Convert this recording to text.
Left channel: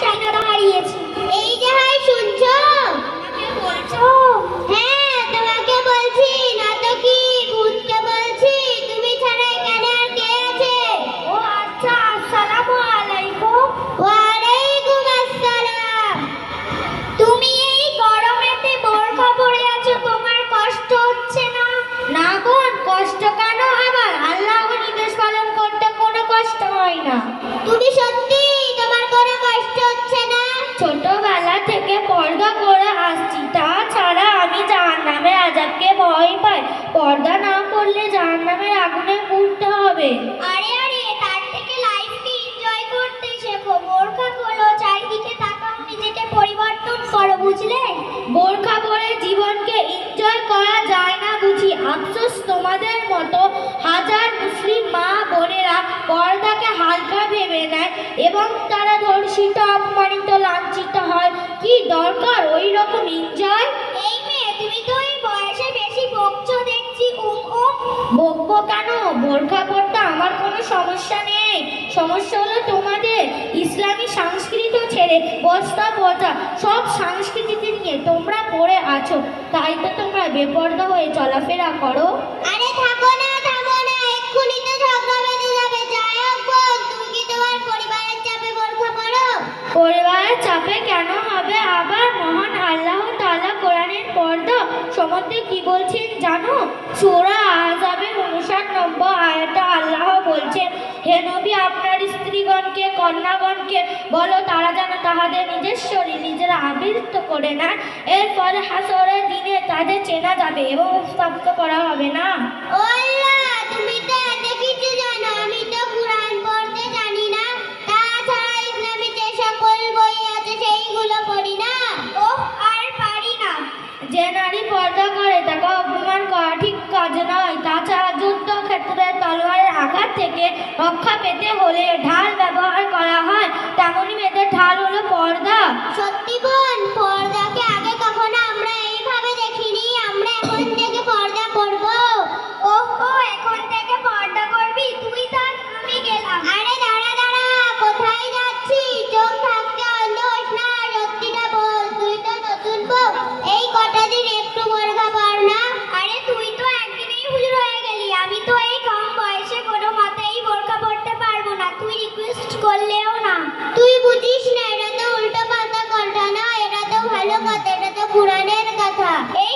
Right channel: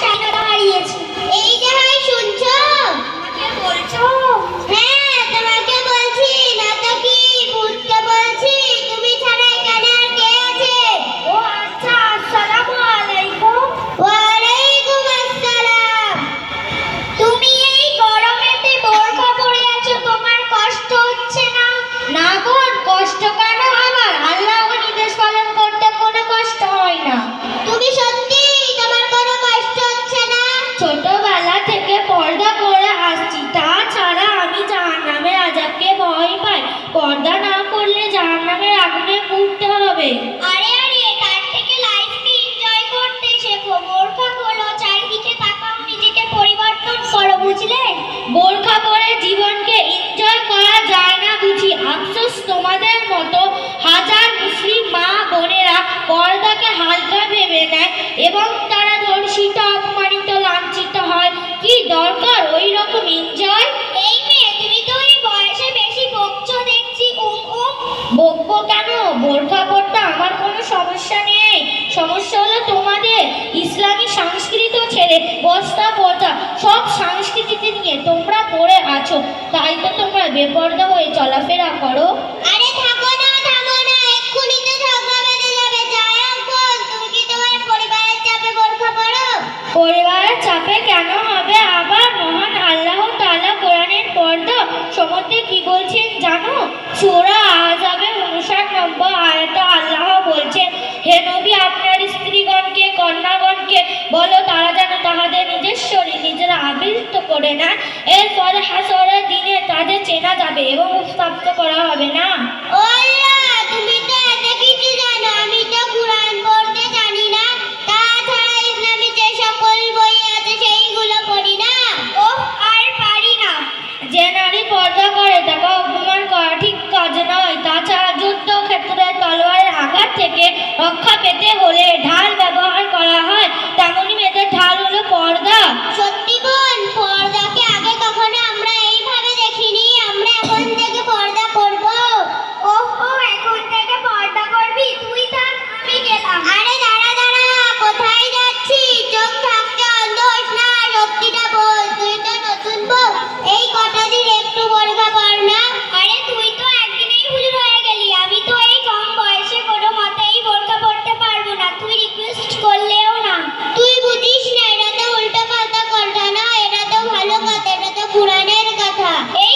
channel. ছোটবেলা থেকে পর্দা করে আসছি। তাছাড়া আমি জাহান্নামের আজাবকে ভয় পাই। পর্দা না করলে জাহান্নামের আগুনে পুড়তে হবে। আরে আরে তার থেকে লাইফকে এনজয় করতে শেখো। বোরখা খোলো চারিদিকে তাকাও নিজেকে পরিবর্তন করো বুঝলে? বোরখা পরে জীবনকে এনজয় করা যায় না বুঝি। আফসোস তোমাদের মতো হাজার মুসলিম মা বোনেরা পর্দাকে হালকা ভেবে নেয় এবং তারা ধর্ষিত কি দরকার ওই রকম এনজয় এই মেয়ে তুমি তো এই বয়সে বেশি বকছো দেখছি উম উম। বকবো কেন? বোরখা পরতে আমার কোনো সমস্যা নেই। সমস্যা হলো তোমাদের ইসলামী সংস্কৃতি ছেড়ে বস্তা পচা সব সংস্কৃতিতে নিয়ে তোমরা পড়ে আছো। তাই তো তোমরা বেপর্দা হয়ে চলাফেরা করো। কেন হবে? আবার মহান আল্লাহ তাআলা কোরআনের পর্দা সম্বন্ধে কি বলছেন জানো? সূরা আহজাবের উনষাট নম্বর আয়াতে আল্লাহ বলছেন, হে নবী, আপনার স্ত্রীগণকে, কন্যাগণকে বলো, তারা যেন তাহাদের নিজের শরীর নিজেরা আবৃত করে না এরপরে হাসরের দিনে তাদের চেনা যাবে এবং স্তব্ধ করা হবে না। যে নারী পর্দা করে, তাকে অপমান করা ঠিক কাজ নয়। তাছাড়া যুদ্ধ ক্ষেত্রে তলোয়ারের আঘাত থেকে রক্ষা পেতে হলে ঢাল ব্যবহার করা হয়। তেমনই মেয়েদের ঢাল হলো পর্দা। সত্যি? পুরাণের কথা। এই